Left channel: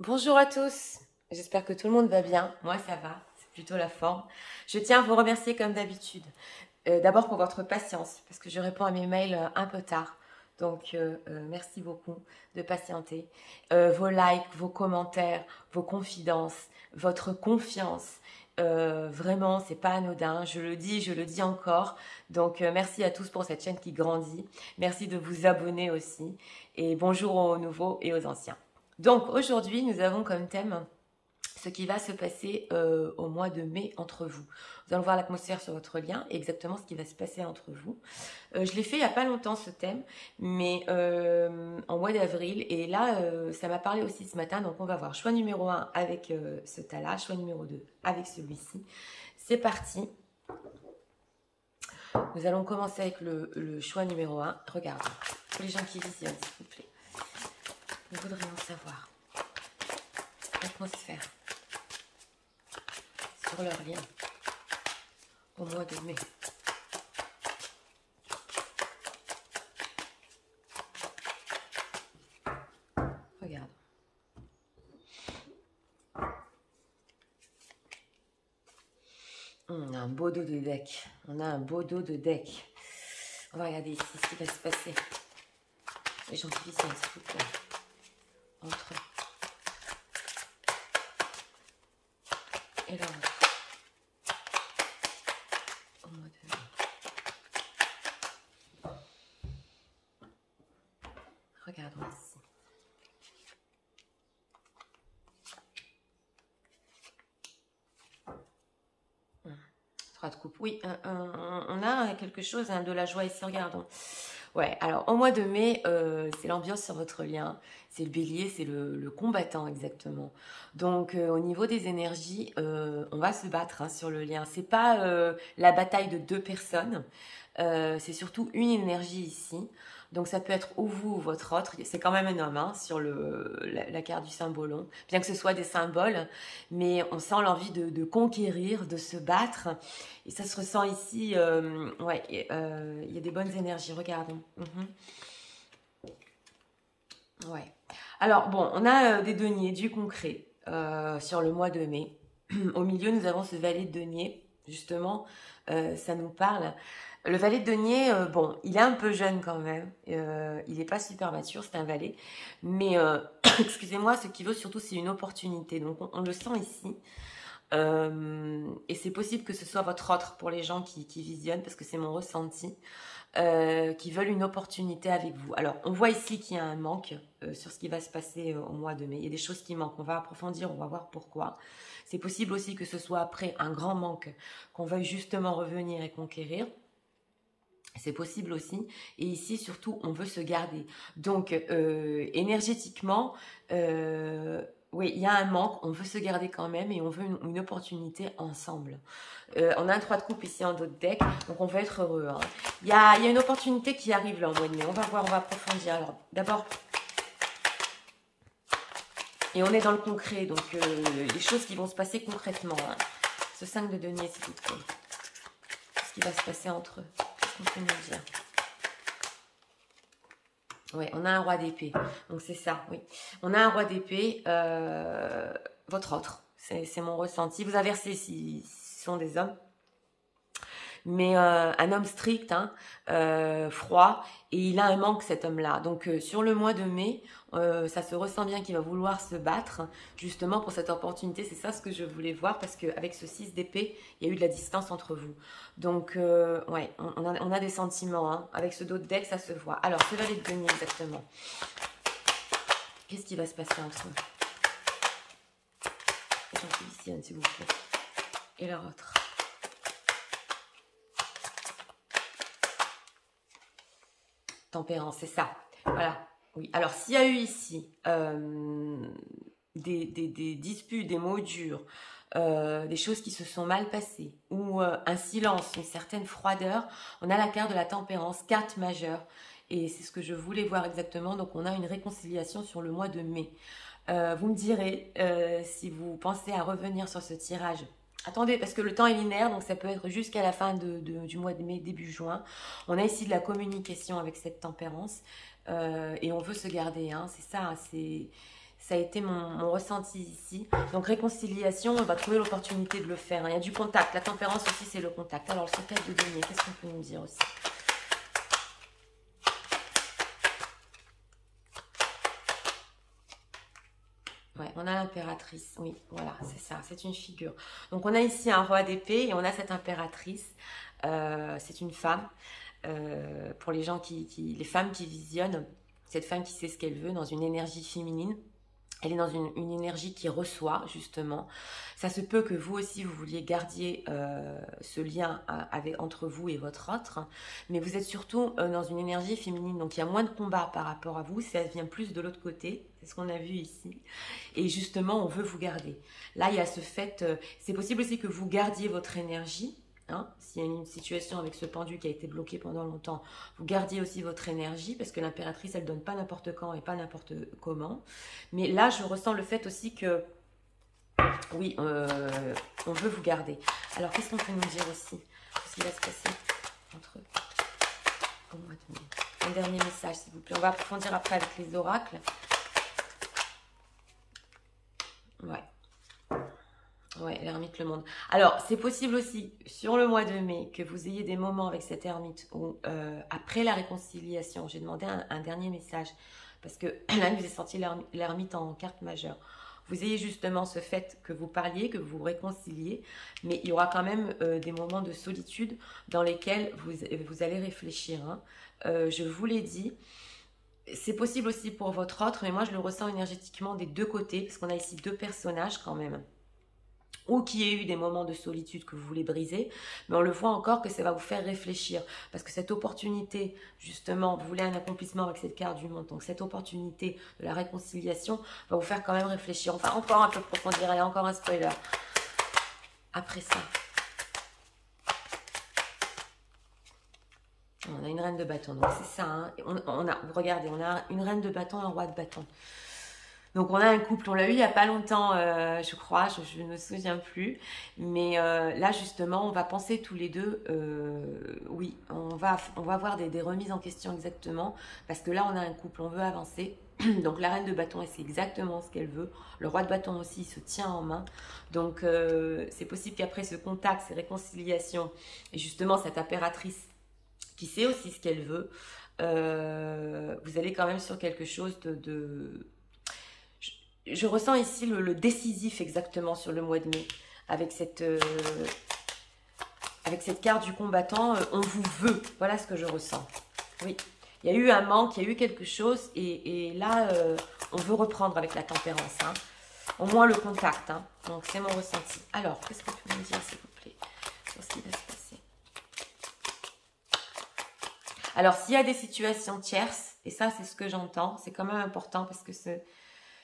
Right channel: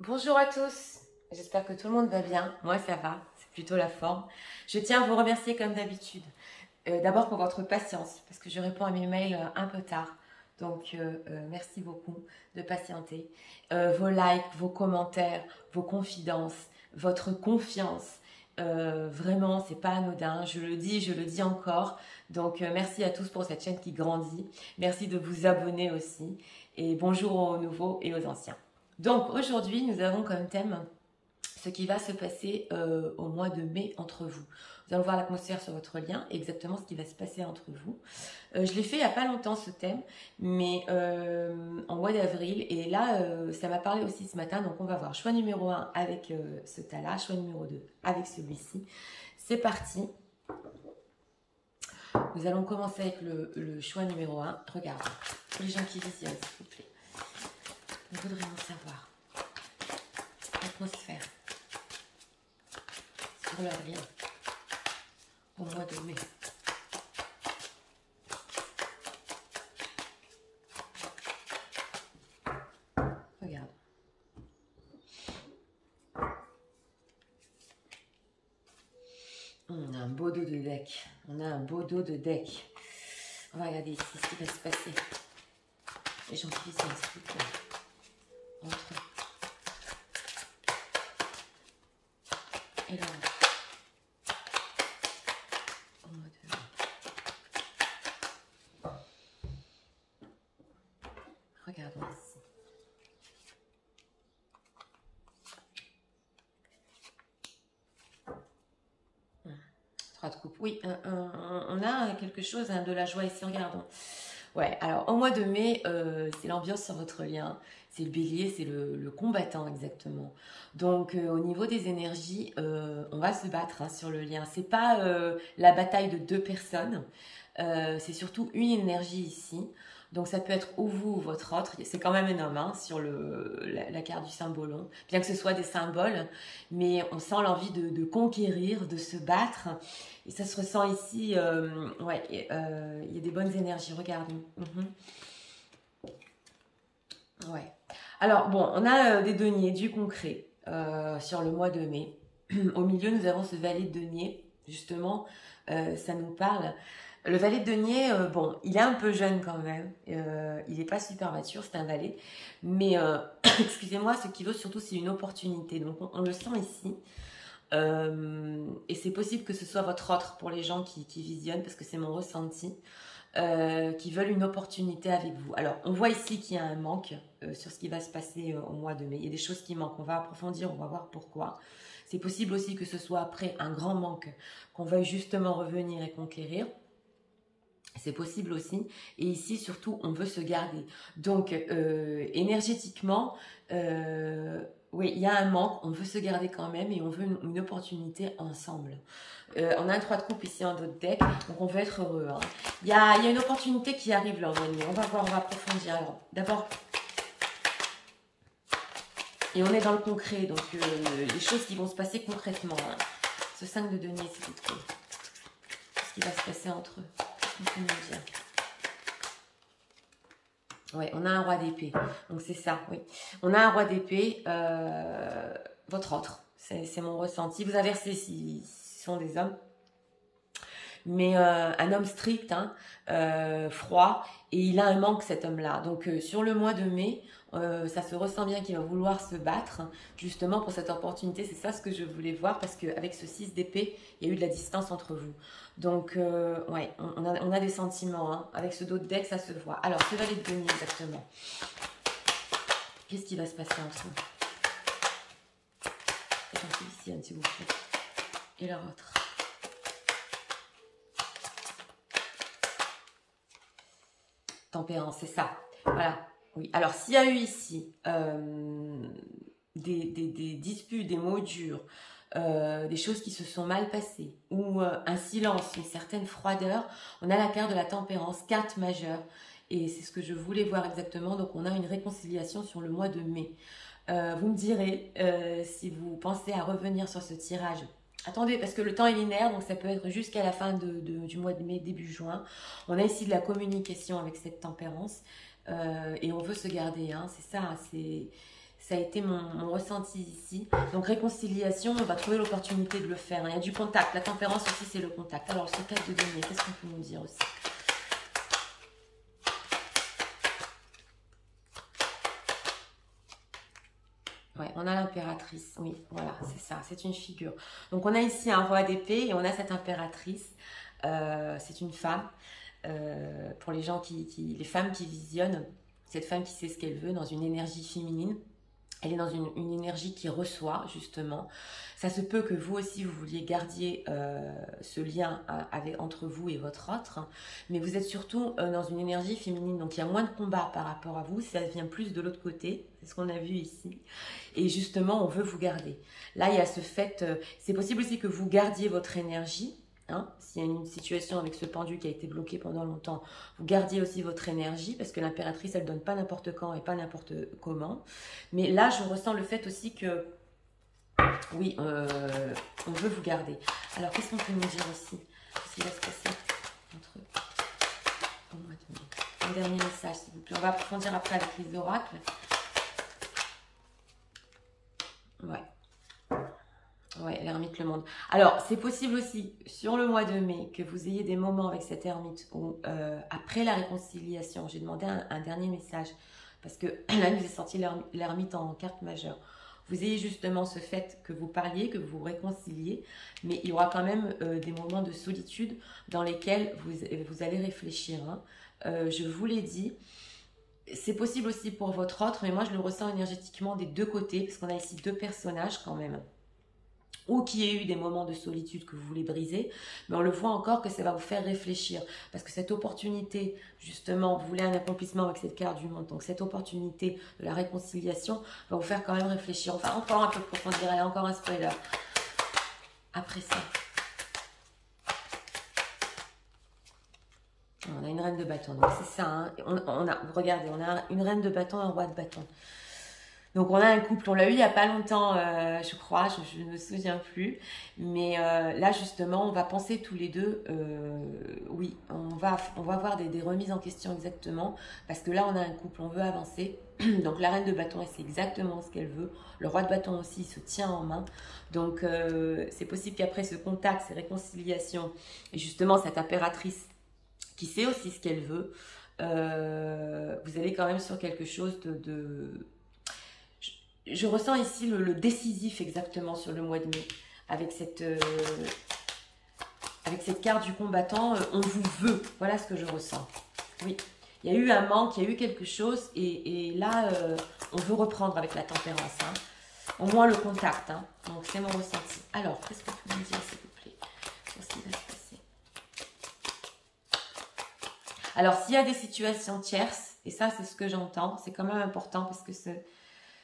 Bonjour à tous, j'espère que tout le monde va bien. Moi ça va, c'est plutôt la forme. Je tiens à vous remercier comme d'habitude. D'abord pour votre patience, parce que je réponds à mes mails un peu tard. Donc merci beaucoup de patienter. Vos likes, vos commentaires, vos confidences, votre confiance, vraiment c'est pas anodin. Je le dis encore. Donc merci à tous pour cette chaîne qui grandit. Merci de vous abonner aussi. Et bonjour aux nouveaux et aux anciens. Donc aujourd'hui, nous avons comme thème ce qui va se passer au mois de mai entre vous. Nous allons voir l'atmosphère sur votre lien et exactement ce qui va se passer entre vous. Je l'ai fait il n'y a pas longtemps ce thème, mais en mois d'avril. Et là, ça m'a parlé aussi ce matin. Donc on va voir choix numéro 1 avec ce tas-là, choix numéro 2 avec celui-ci. C'est parti. Nous allons commencer avec le choix numéro 1. Regardez, pour les gens qui visionnent, s'il vous plaît. On voudrait en savoir l'atmosphère sur leur lien au mois de mai. Regarde. On a un beau dos de deck. On a un beau dos de deck. On va regarder ici ce qui va se passer. Les gens qui visionnent, s'il vous plaît. Entre eux. Et là, au mois de mai. Regardons ici. Trois de coupe. Oui, on a quelque chose, de la joie ici. Regardons. Ouais, alors au mois de mai, c'est l'ambiance sur votre lien. C'est le bélier, c'est le combattant exactement. Donc au niveau des énergies, on va se battre sur le lien. C'est pas la bataille de deux personnes, c'est surtout une énergie ici. Donc ça peut être ou vous ou votre autre. C'est quand même un homme sur la carte du symbolon, bien que ce soit des symboles. Mais on sent l'envie de conquérir, de se battre. Et ça se ressent ici. Ouais, il y a des bonnes énergies. Regardons. Ouais. Alors, bon, on a des deniers, du concret sur le mois de mai. Au milieu, nous avons ce valet de denier. Justement, ça nous parle. Le valet de denier, bon, il est un peu jeune quand même. Il n'est pas super mature, c'est un valet. Mais, excusez-moi, ce qu'il veut surtout, c'est une opportunité. Donc, on le sent ici. Et c'est possible que ce soit votre autre pour les gens qui visionnent, parce que c'est mon ressenti. Qui veulent une opportunité avec vous. Alors, on voit ici qu'il y a un manque sur ce qui va se passer au mois de mai. Il y a des choses qui manquent. On va approfondir, on va voir pourquoi. C'est possible aussi que ce soit après un grand manque qu'on veuille justement revenir et conquérir. C'est possible aussi. Et ici, surtout, on veut se garder. Donc, énergétiquement, oui, il y a un manque. On veut se garder quand même et on veut une opportunité ensemble. On a un 3 de coupe ici en dos de deck, donc on va être heureux. Il y a une opportunité qui arrive là en mois de mai. On va voir, on va approfondir. Alors, d'abord, et on est dans le concret, donc les choses qui vont se passer concrètement. Ce 5 de denier, s'il vous plaît. Qu'est-ce qui va se passer entre eux? Qu'est-ce qu'on peut nous dire? Oui, on a un roi d'épée. Donc, c'est ça, oui. On a un roi d'épée, votre autre. C'est mon ressenti. Vous inversez si ce sont des hommes. Mais un homme strict, froid, et il a un manque cet homme-là. Donc sur le mois de mai, ça se ressent bien qu'il va vouloir se battre justement pour cette opportunité. C'est ça ce que je voulais voir parce qu'avec ce 6 d'épée, il y a eu de la distance entre vous. Donc ouais, on a des sentiments. Avec ce dos de deck, ça se voit. Alors, ce valet de denier exactement. Qu'est-ce qui va se passer entre eux? S'il vous plaît. Et leur autre. Tempérance, c'est ça. Voilà. Oui. Alors, s'il y a eu ici des disputes, des mots durs, des choses qui se sont mal passées, ou un silence, une certaine froideur, on a la carte de la tempérance, carte majeure. Et c'est ce que je voulais voir exactement. Donc, on a une réconciliation sur le mois de mai. Vous me direz si vous pensez à revenir sur ce tirage. Attendez, parce que le temps est linéaire, donc ça peut être jusqu'à la fin du mois de mai, début juin. On a ici de la communication avec cette tempérance et on veut se garder. C'est ça, Ça a été mon ressenti ici. Donc, réconciliation, on va trouver l'opportunité de le faire. Hein. Il y a du contact. La tempérance aussi, c'est le contact. Alors, ce 4 de denier, qu'est-ce qu'on peut nous dire aussi? Ouais, on a l'impératrice. Oui, voilà, c'est ça. C'est une figure. Donc, on a ici un roi d'épée et on a cette impératrice. C'est une femme. Pour les gens les femmes qui visionnent, cette femme qui sait ce qu'elle veut dans une énergie féminine. Elle est dans une énergie qui reçoit, justement. Ça se peut que vous aussi, vous vouliez garder ce lien entre vous et votre autre. Hein, mais vous êtes surtout dans une énergie féminine. Donc, il y a moins de combat par rapport à vous. Ça vient plus de l'autre côté. C'est ce qu'on a vu ici. Et justement, on veut vous garder. Là, il y a ce fait... c'est possible aussi que vous gardiez votre énergie. Hein, s'il y a une situation avec ce pendu qui a été bloqué pendant longtemps, vous gardiez aussi votre énergie parce que l'impératrice, elle donne pas n'importe quand et pas n'importe comment. Mais là, je ressens le fait aussi que, oui, on veut vous garder. Alors, qu'est-ce qu'on peut nous dire aussi? Qu'est-ce qui va se passer entre eux? Un dernier message, s'il vous plaît. On va approfondir après avec les oracles. Ouais. Ouais, l'ermite, le monde. Alors, c'est possible aussi, sur le mois de mai, que vous ayez des moments avec cette ermite où, après la réconciliation, j'ai demandé un dernier message, parce que là, il nous est sorti l'ermite en carte majeure. Vous ayez justement ce fait que vous parliez, que vous vous réconciliez, mais il y aura quand même des moments de solitude dans lesquels vous allez réfléchir. Hein. Je vous l'ai dit, c'est possible aussi pour votre autre, mais moi, je le ressens énergétiquement des deux côtés, parce qu'on a ici deux personnages quand même. Ou qu'il y ait eu des moments de solitude que vous voulez briser, mais on le voit encore que ça va vous faire réfléchir, parce que cette opportunité, justement, vous voulez un accomplissement avec cette carte du monde, donc cette opportunité de la réconciliation va vous faire quand même réfléchir. On va encore un peu approfondir, allez, encore un spoiler. Après ça, on a une reine de bâton, donc c'est ça, hein. Regardez, on a une reine de bâton et un roi de bâton. Donc, on a un couple, on l'a eu il n'y a pas longtemps, je crois, je ne me souviens plus. Mais là, justement, on va penser tous les deux, oui, on va avoir des remises en question exactement. Parce que là, on a un couple, on veut avancer. Donc, la reine de bâton, elle sait exactement ce qu'elle veut. Le roi de bâton aussi, il se tient en main. Donc, c'est possible qu'après ce contact, ces réconciliations, et justement, cette impératrice qui sait aussi ce qu'elle veut, vous allez quand même sur quelque chose Je ressens ici le décisif exactement sur le mois de mai. Avec cette carte du combattant, on vous veut. Voilà ce que je ressens. Oui, il y a eu un manque, il y a eu quelque chose. Et là, on veut reprendre avec la tempérance. Hein. Au moins le contact. Hein. Donc, c'est mon ressenti. Alors, qu'est-ce qu'on peut me dire, s'il vous plaît, sur ce qui va se passer? Alors, s'il y a des situations tierces, et ça, c'est ce que j'entends, c'est quand même important parce que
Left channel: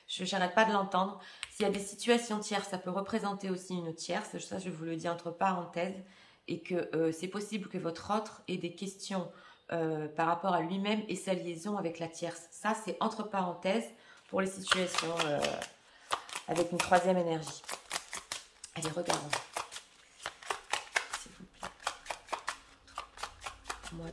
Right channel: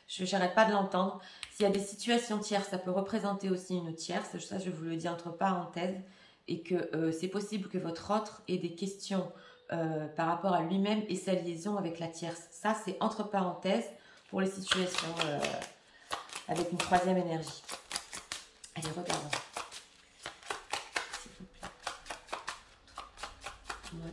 je n'arrête pas de l'entendre. S'il y a des situations tierces, ça peut représenter aussi une tierce. Ça, je vous le dis entre parenthèses. Et que c'est possible que votre autre ait des questions par rapport à lui-même et sa liaison avec la tierce. Ça, c'est entre parenthèses pour les situations avec une troisième énergie. Allez, regardons. S'il vous plaît. Moi,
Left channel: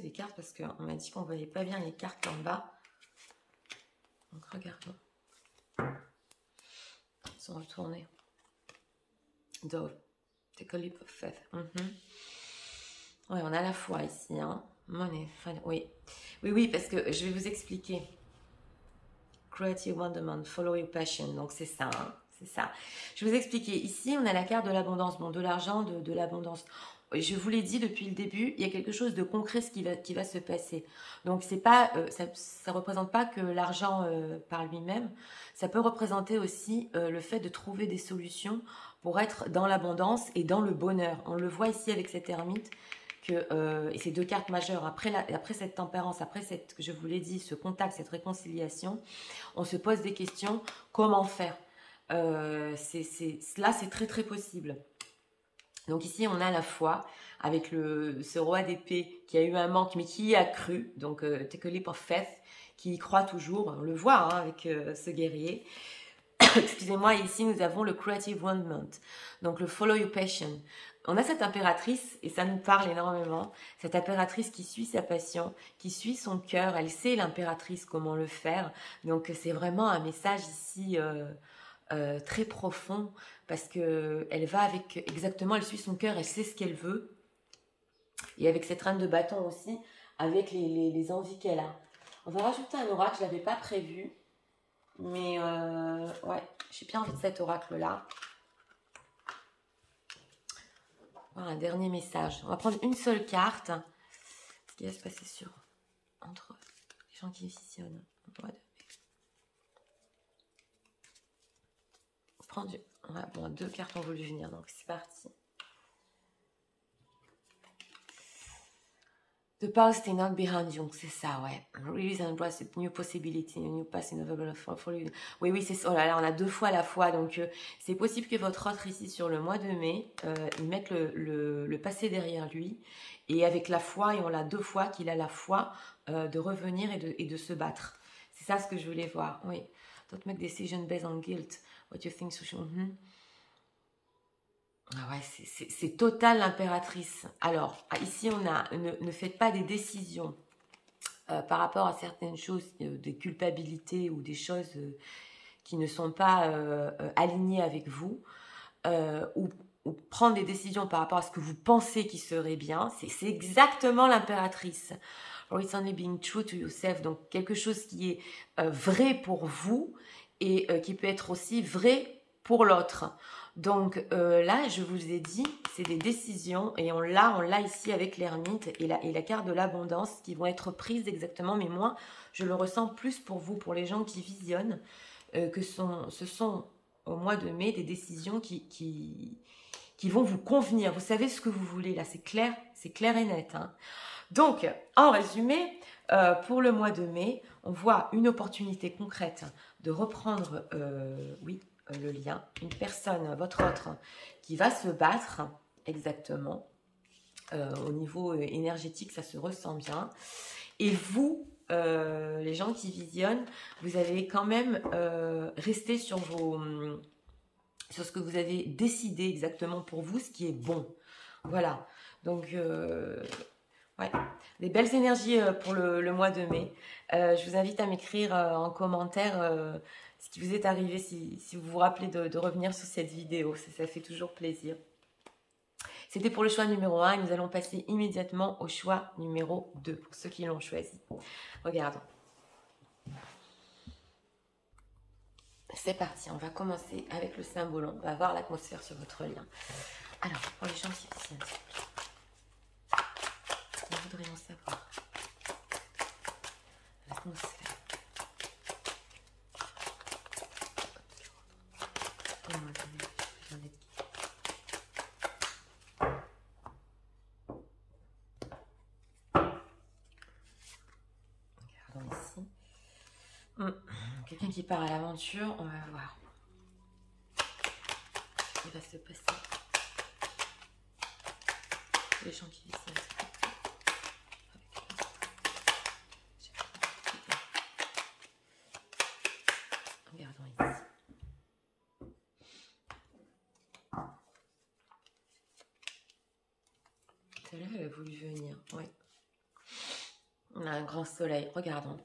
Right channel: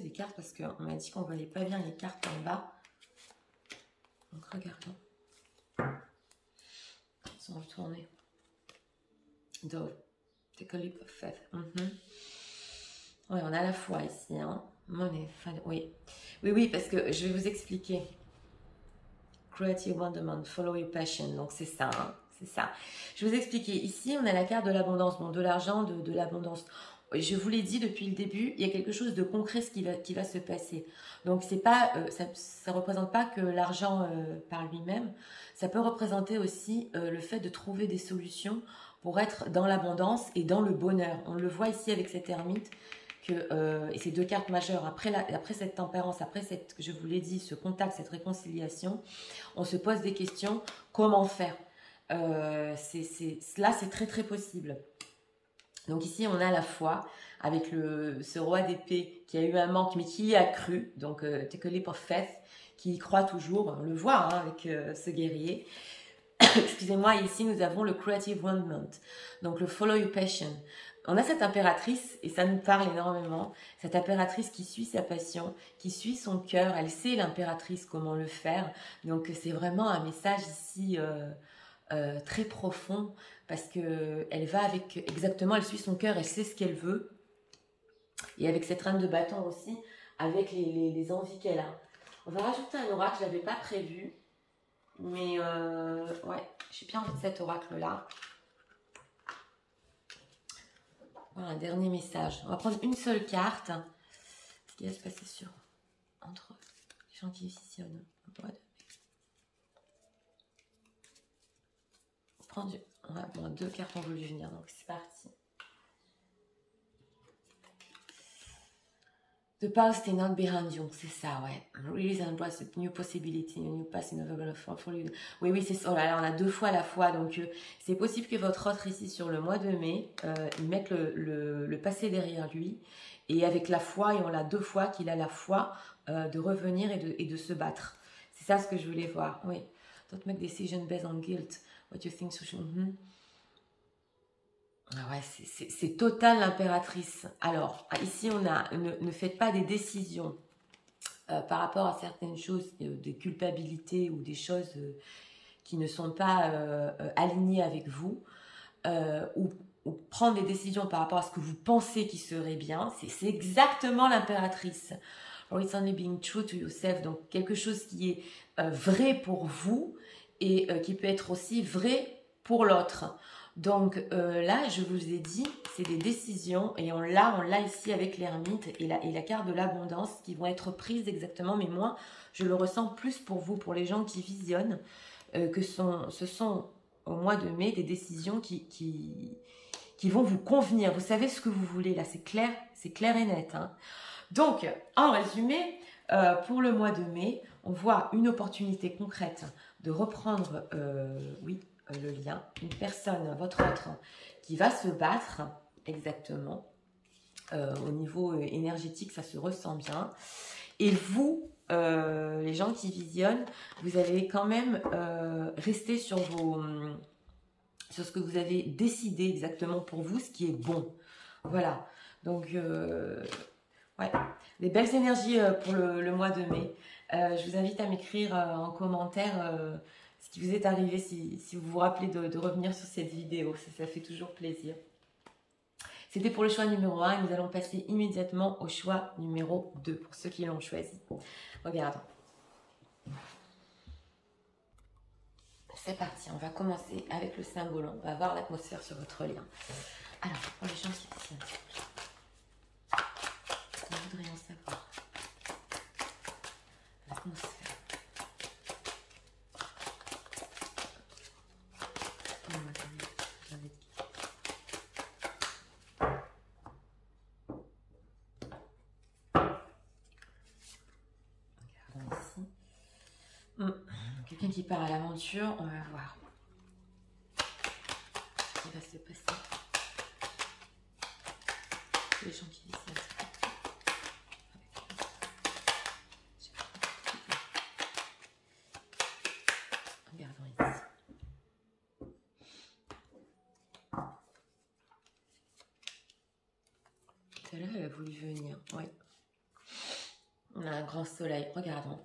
des cartes parce qu'on m'a dit qu'on ne voyait pas bien les cartes en bas. Donc regardons. Ils sont retournés. Dove. Take a leap of faith. Oui, on a la foi ici. Hein. Money. Oui. Oui, parce que je vais vous expliquer. Create your wonderment. Follow your passion. Donc c'est ça. Hein. C'est ça. Je vais vous expliquer. Ici, on a la carte de l'abondance. Bon, de l'argent, de l'abondance. Je vous l'ai dit depuis le début, il y a quelque chose de concret qui va se passer. Donc, c'est pas, ça ne représente pas que l'argent par lui-même. Ça peut représenter aussi le fait de trouver des solutions pour être dans l'abondance et dans le bonheur. On le voit ici avec cette ermite, et ces deux cartes majeures. Après cette tempérance, après je vous l'ai dit, ce contact, cette réconciliation, on se pose des questions. Comment faire? Là, c'est très, très possible. Donc ici, on a la foi avec ce roi d'épée qui a eu un manque, mais qui y a cru. Donc, take a leap of faith, qui y croit toujours. On le voit hein, avec ce guerrier. Excusez-moi, ici, nous avons le creative wonderment. Donc, le follow your passion. on a cette impératrice, et ça nous parle énormément, cette impératrice qui suit sa passion, qui suit son cœur, elle sait l'impératrice comment le faire, donc c'est vraiment un message ici très profond, parce qu'elle va avec, exactement, elle suit son cœur, elle sait ce qu'elle veut, et avec cette reine de bâton aussi, avec les envies qu'elle a. On va rajouter un oracle, je ne l'avais pas prévu, mais ouais, j'ai bien envie de cet oracle-là. Voilà, un dernier message. On va prendre une seule carte. Ce qui va se passer entre les gens qui visionnent. Ouais. Bon, 2 cartes ont voulu venir, donc c'est parti. The past is not behind you, c'est ça, ouais. Release and embrace a new possibility, a new past is never gonna fall for you. Oui, oui, c'est ça. Oh là là, on a 2 fois la foi, donc c'est possible que votre autre ici, sur le mois de mai, il mette le passé derrière lui, et avec la foi, et on l'a 2 fois, qu'il a la foi de revenir et de se battre. C'est ça ce que je voulais voir, oui. Don't make decision based on guilt, what you think social... Ah ouais, c'est total l'impératrice. Alors, ici, on a ne faites pas des décisions par rapport à certaines choses, des culpabilités ou des choses qui ne sont pas alignées avec vous, ou prendre des décisions par rapport à ce que vous pensez qui serait bien. C'est exactement l'impératrice. Or it's only being true to yourself. Donc, quelque chose qui est vrai pour vous et qui peut être aussi vrai pour l'autre. Donc là, je vous ai dit, c'est des décisions et on l'a ici avec l'ermite et la carte de l'abondance qui vont être prises exactement. Mais moi, je le ressens plus pour vous, pour les gens qui visionnent, que ce sont au mois de mai des décisions qui vont vous convenir. Vous savez ce que vous voulez là, c'est clair et net. Hein. Donc, en résumé, pour le mois de mai, on voit une opportunité concrète de reprendre, oui, le lien, une personne, votre autre, qui va se battre exactement. Au niveau énergétique, ça se ressent bien. Et vous, les gens qui visionnent, vous allez quand même rester sur ce que vous avez décidé exactement pour vous, ce qui est bon. Voilà. Donc, ouais, des belles énergies pour le mois de mai. Je vous invite à m'écrire en commentaire ce qui vous est arrivé, si vous vous rappelez de revenir sur cette vidéo. Ça fait toujours plaisir. C'était pour le choix numéro 1 et nous allons passer immédiatement au choix numéro 2 pour ceux qui l'ont choisi. Regardons. C'est parti, on va commencer avec le symbole. On va voir l'atmosphère sur votre lien. Alors, pour les gens qui sont... Nous voudrions savoir l'atmosphère. Regardons ici. Quelqu'un qui part à l'aventure, on va voir. Ce qui va se passer. Les gens qui vivent ici. Regardons ici. Tout à l'heure, elle a voulu venir. Oui. On a un grand soleil. Regardons.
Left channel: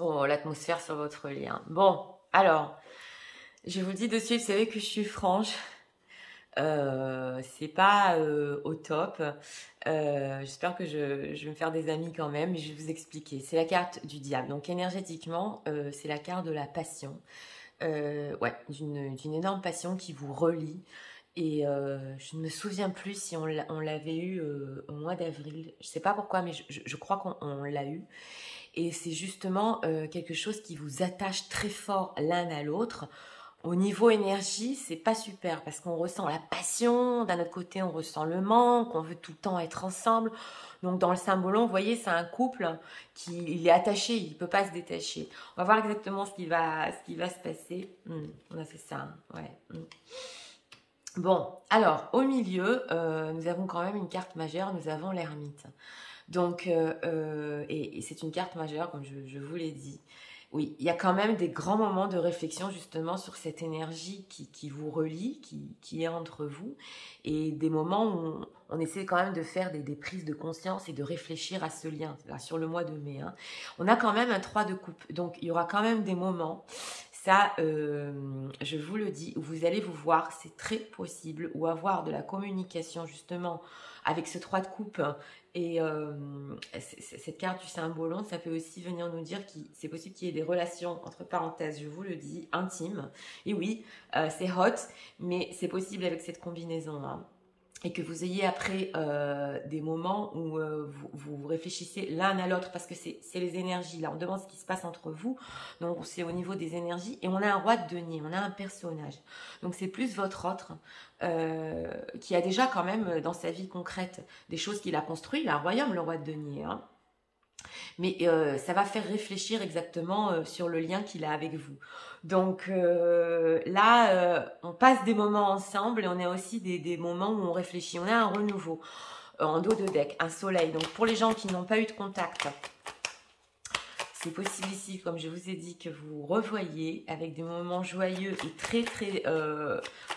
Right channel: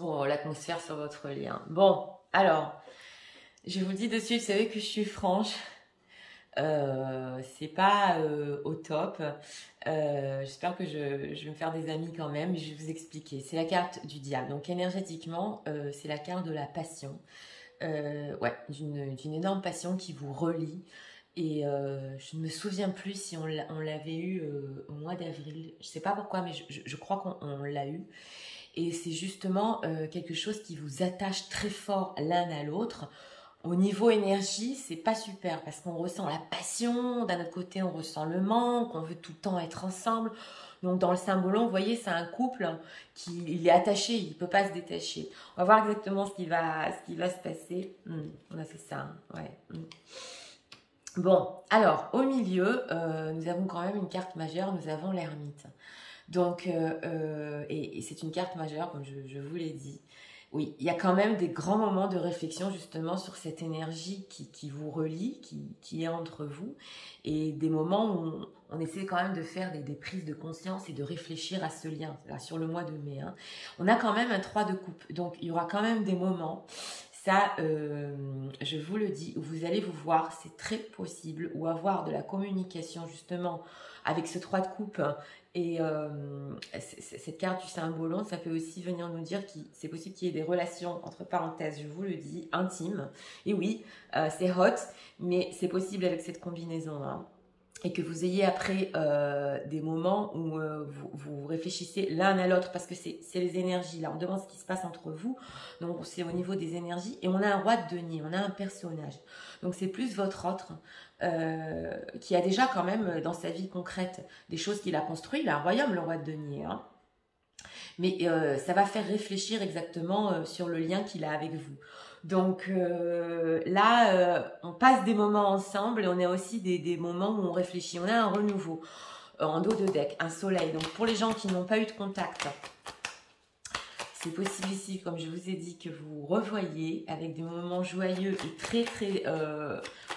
Oh, l'atmosphère sur votre lien. Bon, alors, je vous dis de suite, vous savez que je suis franche. C'est pas au top. J'espère que je vais me faire des amis quand même. Je vais vous expliquer. C'est la carte du diable. Donc, énergétiquement, c'est la carte de la passion. Ouais, d'une énorme passion qui vous relie. Et je ne me souviens plus si on l'avait eu au mois d'avril. Je ne sais pas pourquoi, mais je crois qu'on l'a eu. Et c'est justement quelque chose qui vous attache très fort l'un à l'autre. Au niveau énergie, c'est pas super parce qu'on ressent la passion. D'un autre côté, on ressent le manque. On veut tout le temps être ensemble. Donc, dans le symbolon, vous voyez, c'est un couple il est attaché. Il ne peut pas se détacher. On va voir exactement ce qui va se passer. On a fait ça, hein, ouais. Bon, alors, au milieu, nous avons quand même une carte majeure. Nous avons l'ermite. Donc, et c'est une carte majeure, comme je vous l'ai dit. Oui, il y a quand même des grands moments de réflexion justement sur cette énergie qui vous relie, qui est entre vous, et des moments où on essaie quand même de faire des prises de conscience et de réfléchir à ce lien, là, sur le mois de mai. Hein. On a quand même un 3 de coupe, donc il y aura quand même des moments, ça je vous le dis, où vous allez vous voir, c'est très possible, ou avoir de la communication justement avec ce 3 de coupe. Et cette carte du cymbolon, ça peut aussi venir nous dire que c'est possible qu'il y ait des relations, entre parenthèses, je vous le dis, intimes. Et oui, c'est hot, mais c'est possible avec cette combinaison. Hein. Et que vous ayez après des moments où vous réfléchissez l'un à l'autre, parce que c'est les énergies. Là, on demande ce qui se passe entre vous. Donc, c'est au niveau des énergies. Et on a un roi de denier, on a un personnage. Donc, c'est plus votre autre qui a déjà quand même dans sa vie concrète des choses qu'il a construites. Il a un royaume, le roi de denier. Hein. Mais ça va faire réfléchir exactement sur le lien qu'il a avec vous. Donc là, on passe des moments ensemble et on a aussi des moments où on réfléchit. On a un renouveau en dos de deck, un soleil. Donc pour les gens qui n'ont pas eu de contact, c'est possible ici, comme je vous ai dit, que vous revoyez avec des moments joyeux et très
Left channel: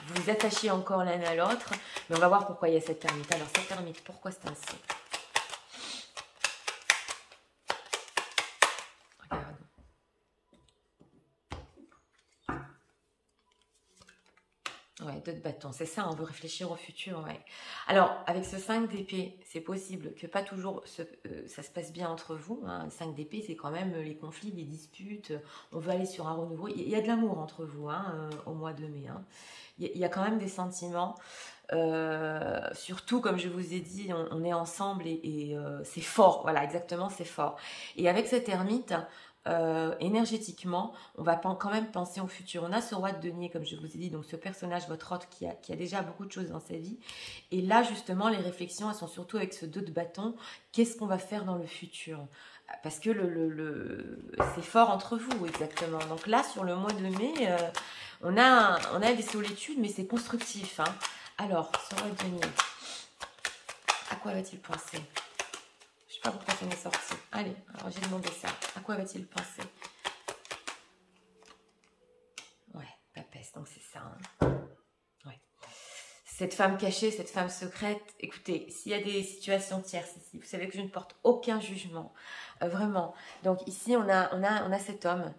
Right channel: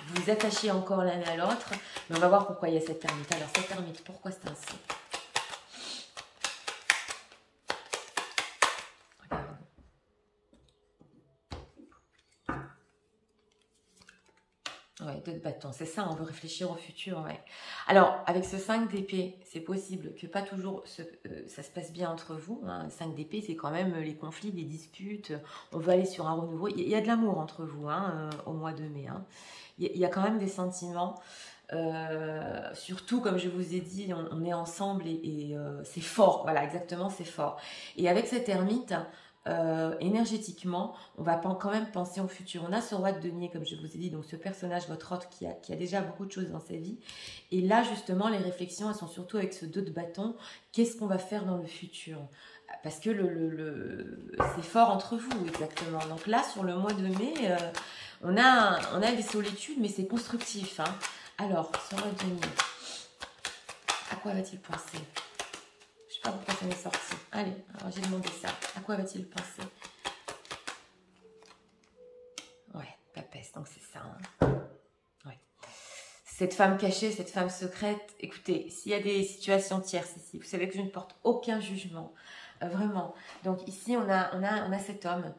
vous vous attachez encore l'un à l'autre. Mais on va voir pourquoi il y a cette ermite. Alors cette ermite, pourquoi c'est ainsi? Ouais, 2 de bâton, c'est ça, on veut réfléchir au futur, ouais. Alors, avec ce 5 d'épée, c'est possible que pas toujours ça se passe bien entre vous. Hein. 5 d'épée, c'est quand même les conflits, les disputes, on veut aller sur un renouveau. Il y a de l'amour entre vous hein, au mois de mai. Hein. Il y a quand même des sentiments. Surtout, comme je vous ai dit, on est ensemble et c'est fort. Voilà, exactement, c'est fort. Et avec cette ermite... énergétiquement, on va quand même penser au futur. On a ce roi de denier, comme je vous ai dit, donc ce personnage, votre autre, qui a déjà beaucoup de choses dans sa vie. Et là, justement, les réflexions, elles sont surtout avec ce 2 de bâton. Qu'est-ce qu'on va faire dans le futur? Parce que c'est fort entre vous, exactement. Donc là, sur le mois de mai, on a des solitudes, mais c'est constructif. Hein. Alors, ce roi de denier, à quoi va-t-il penser? Je ne sais pas pourquoi ça m'est sorti. Allez, alors j'ai demandé ça. À quoi va-t-il penser? Ouais, papesse, donc c'est ça. Hein. Ouais. Cette femme cachée, cette femme secrète, écoutez, s'il y a des situations tierces ici, vous savez que je ne porte aucun jugement. Vraiment. Donc ici, on a cet homme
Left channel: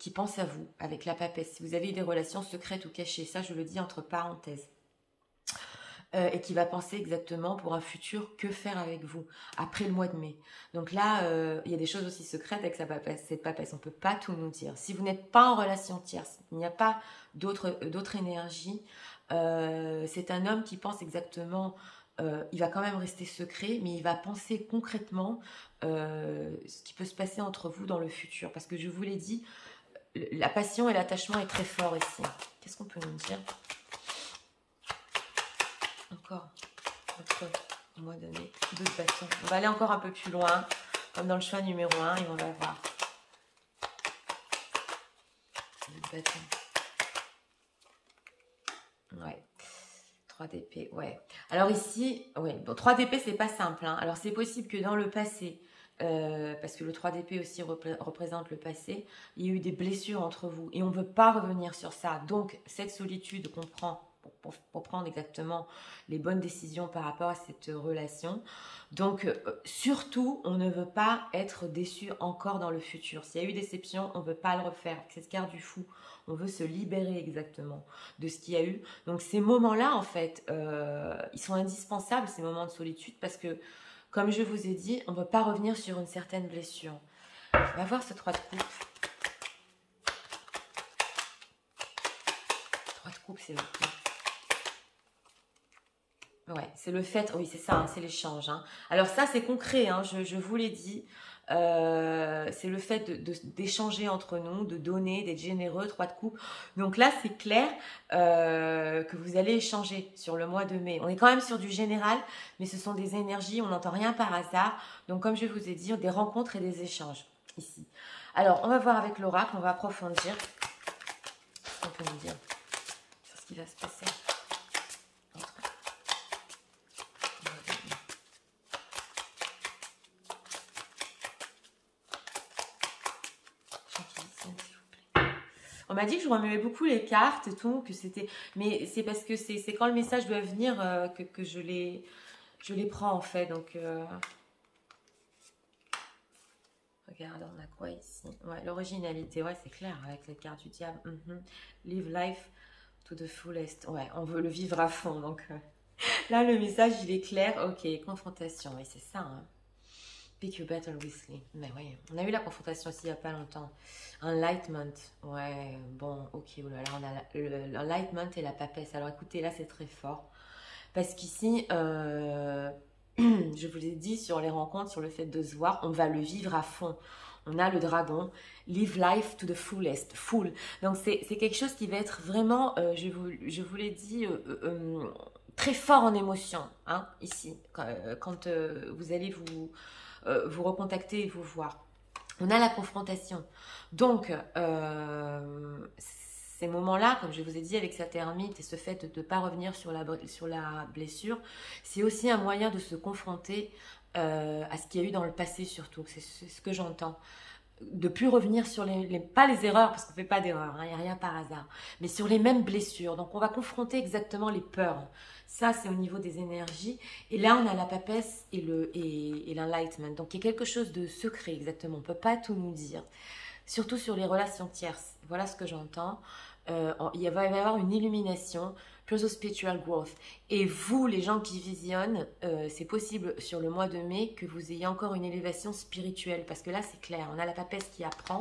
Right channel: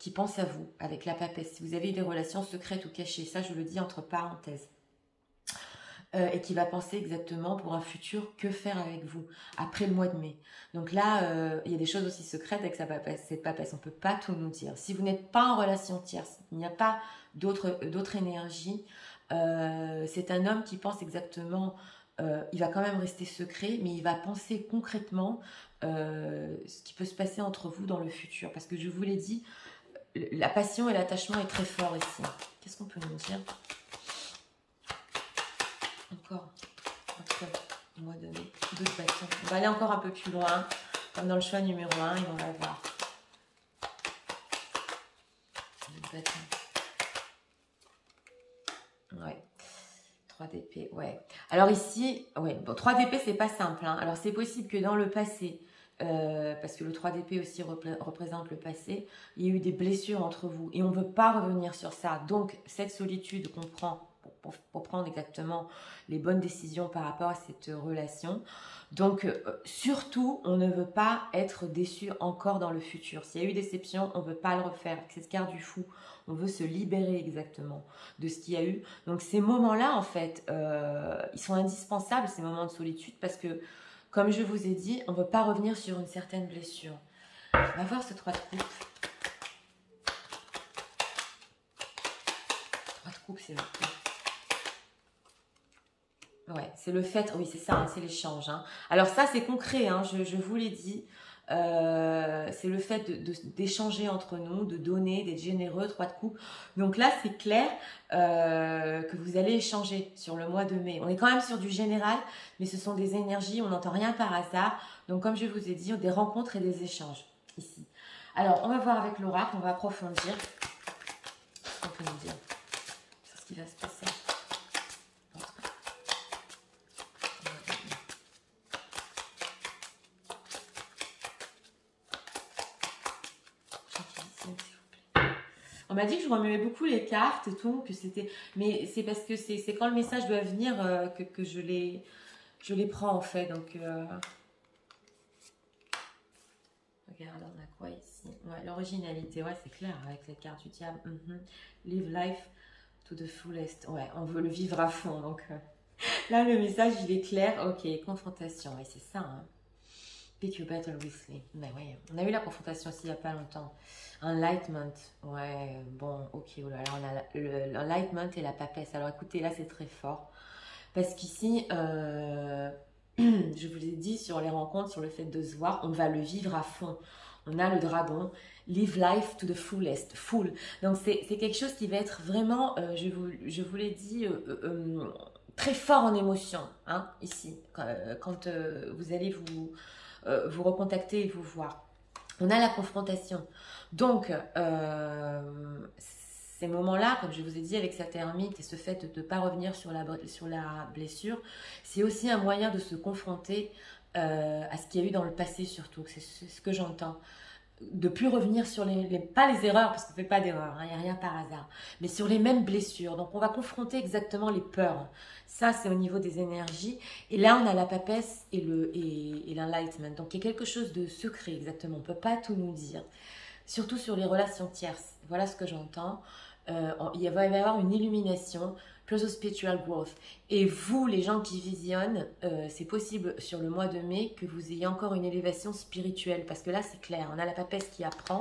qui pense à vous avec la papesse. Si vous avez des relations secrètes ou cachées, ça je le dis entre parenthèses. Et qui va penser exactement pour un futur que faire avec vous après le mois de mai. Donc là, il y a des choses aussi secrètes avec cette papesse. On ne peut pas tout nous dire. Si vous n'êtes pas en relation tierce, il n'y a pas d'autre énergie. C'est un homme qui pense exactement, il va quand même rester secret, mais il va penser concrètement ce qui peut se passer entre vous dans le futur. Parce que je vous l'ai dit, la passion et l'attachement est très fort ici. Qu'est-ce qu'on peut nous dire ? Encore, au mois de mai, 2 de bâton. On va aller encore un peu plus loin, comme dans le choix numéro 1, et on va voir. 2 de bâton. Ouais. 3 d'épée, ouais. Alors ici, ouais, bon, 3 d'épée, c'est pas simple. Hein. Alors c'est possible que dans le passé, parce que le 3 d'épée aussi représente le passé, il y a eu des blessures entre vous, et on ne veut pas revenir sur ça. Donc, cette solitude qu'on prend pour prendre exactement les bonnes décisions par rapport à cette relation. Donc, surtout, on ne veut pas être déçu encore dans le futur. S'il y a eu déception, on ne veut pas le refaire. C'est ce quart du fou. On veut se libérer exactement de ce qu'il y a eu. Donc, ces moments-là, en fait, ils sont indispensables, ces moments de solitude, parce que, comme je vous ai dit, on ne veut pas revenir sur une certaine blessure. On va voir ce 3 de coupe. 3 de coupe, c'est le coup. Ouais, c'est le fait, oui c'est ça, hein, c'est l'échange. Hein. Alors ça c'est concret, hein, je vous l'ai dit, c'est le fait d'échanger entre nous, de donner, d'être généreux, 3 de coupe. Donc là c'est clair que vous allez échanger sur le mois de mai. On est quand même sur du général, mais ce sont des énergies, on n'entend rien par hasard. Donc comme je vous ai dit, des rencontres et des échanges ici. Alors on va voir avec l'oracle, on va approfondir. Qu'est-ce qu'on peut nous dire sur ce qui va se passer? On m'a dit que je remuais beaucoup les cartes et tout, que c'était... Mais c'est parce que c'est quand le message doit venir que je les prends en fait. Donc, regarde, on a quoi ici? Ouais, l'originalité, ouais, c'est clair, avec la carte du diable. Live life to the fullest. Ouais, on veut le vivre à fond. Donc, là, le message, il est clair. Ok, confrontation, oui, c'est ça, hein. Pick your battle wisely. Mais oui, on a eu la confrontation aussi il n'y a pas longtemps. Enlightenment. Ouais, bon, ok. Oh là là, on a l'enlightenment et la papesse. Alors écoutez, là c'est très fort. Parce qu'ici, je vous ai dit sur les rencontres, sur le fait de se voir, on va le vivre à fond. On a le dragon. Live life to the fullest. Full. Donc c'est quelque chose qui va être vraiment, je vous l'ai dit, très fort en émotion. Hein, ici, quand vous allez vous recontacter et vous voir. On a la confrontation. Donc, ces moments-là, comme je vous ai dit, avec cette ermite et ce fait de ne pas revenir sur la blessure, c'est aussi un moyen de se confronter à ce qu'il y a eu dans le passé surtout. C'est ce que j'entends. De plus revenir sur pas les erreurs, parce qu'on ne fait pas d'erreurs, il n'y a rien par hasard, mais sur les mêmes blessures. Donc, on va confronter exactement les peurs. Ça, c'est au niveau des énergies. Et là, on a la papesse et l'enlightenment. Donc, il y a quelque chose de secret, exactement. On ne peut pas tout nous dire. Surtout sur les relations tierces. Voilà ce que j'entends. Il va y avoir une illumination, plus de spiritual growth. Et vous, les gens qui visionnent, c'est possible sur le mois de mai que vous ayez encore une élévation spirituelle. Parce que là, c'est clair, on a la papesse qui apprend,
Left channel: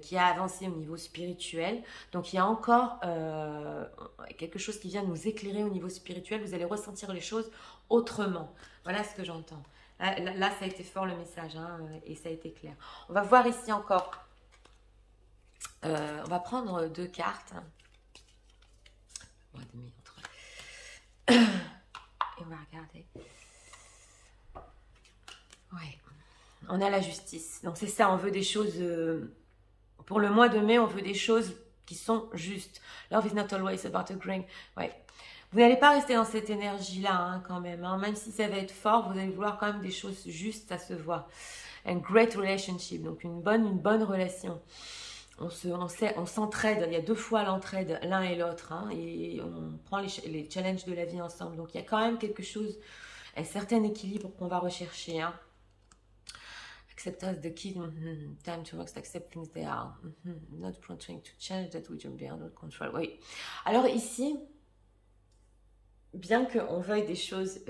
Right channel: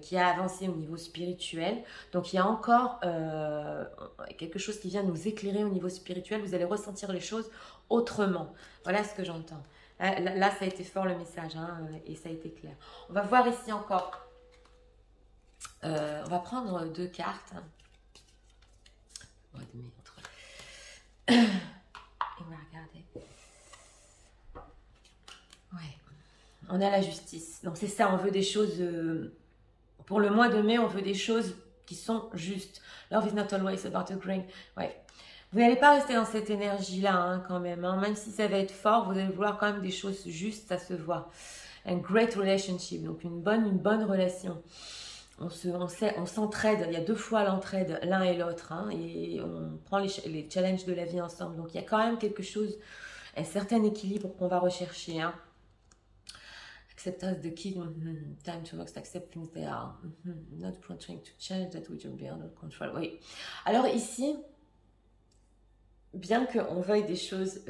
qui a avancé au niveau spirituel. Donc, il y a encore quelque chose qui vient nous éclairer au niveau spirituel. Vous allez ressentir les choses autrement. Voilà ce que j'entends. Là, ça a été fort le message, hein, et ça a été clair. On va voir ici encore. On va prendre 2 cartes. Mois de mai, et on va regarder. Ouais. On a la justice. Donc c'est ça, on veut des choses... pour le mois de mai, on veut des choses qui sont justes. Love is not always about agreeing. Ouais. Vous n'allez pas rester dans cette énergie-là, hein, quand même. Hein. Même si ça va être fort, vous allez vouloir quand même des choses justes, ça se voit. A great relationship, donc une bonne relation. On s'entraide, il y a 2 fois l'entraide, l'un et l'autre, hein, et on prend les challenges de la vie ensemble. Donc, il y a quand même quelque chose, un certain équilibre qu'on va rechercher. Hein. Acceptance the key, time to accept things they are, not trying to change that which will be under control. Oui. Alors ici, bien qu'on veuille des choses,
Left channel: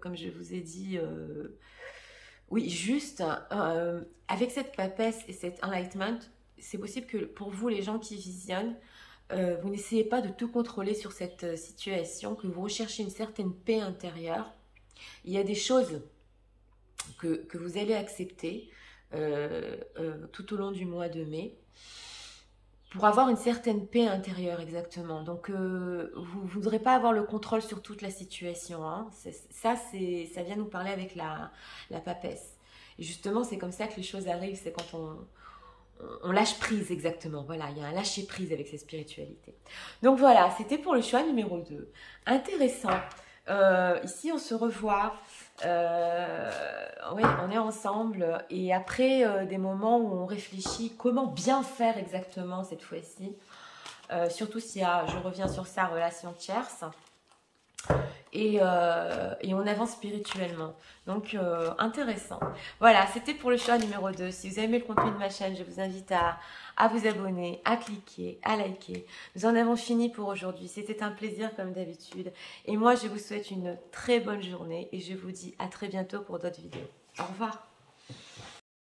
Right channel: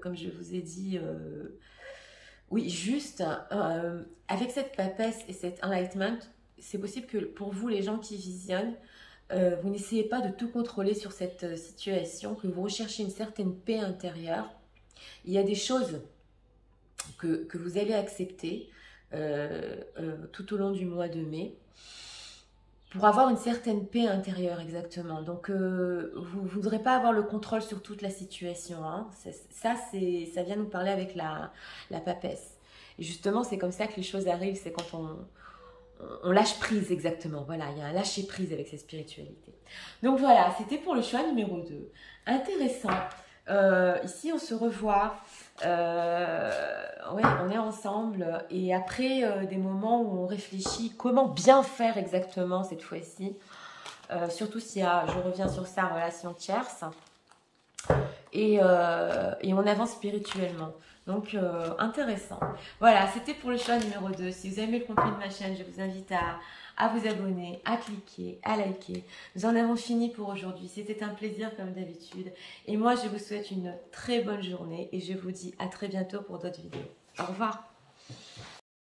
comme je vous ai dit, oui, juste, avec cette papesse et cet enlightenment, c'est possible que pour vous, les gens qui visionnent, vous n'essayez pas de tout contrôler sur cette situation, que vous recherchez une certaine paix intérieure. Il y a des choses que vous allez accepter tout au long du mois de mai pour avoir une certaine paix intérieure, exactement. Donc, vous ne voudrez pas avoir le contrôle sur toute la situation. Hein. Ça vient nous parler avec la papesse. Et justement, c'est comme ça que les choses arrivent, c'est quand on lâche prise, exactement. Voilà, il y a un lâcher prise avec cette spiritualité. Donc voilà, c'était pour le choix numéro 2. Intéressant. Ici, on se revoit. Ouais, on est ensemble. Et après des moments où on réfléchit comment bien faire exactement cette fois-ci. Surtout si je reviens sur sa relation tierce. Et on avance spirituellement. Donc, intéressant. Voilà, c'était pour le choix numéro 2. Si vous aimez le contenu de ma chaîne, je vous invite à vous abonner, à cliquer, à liker. Nous en avons fini pour aujourd'hui. C'était un plaisir comme d'habitude. Et moi, je vous souhaite une très bonne journée et je vous dis à très bientôt pour d'autres vidéos. Au revoir.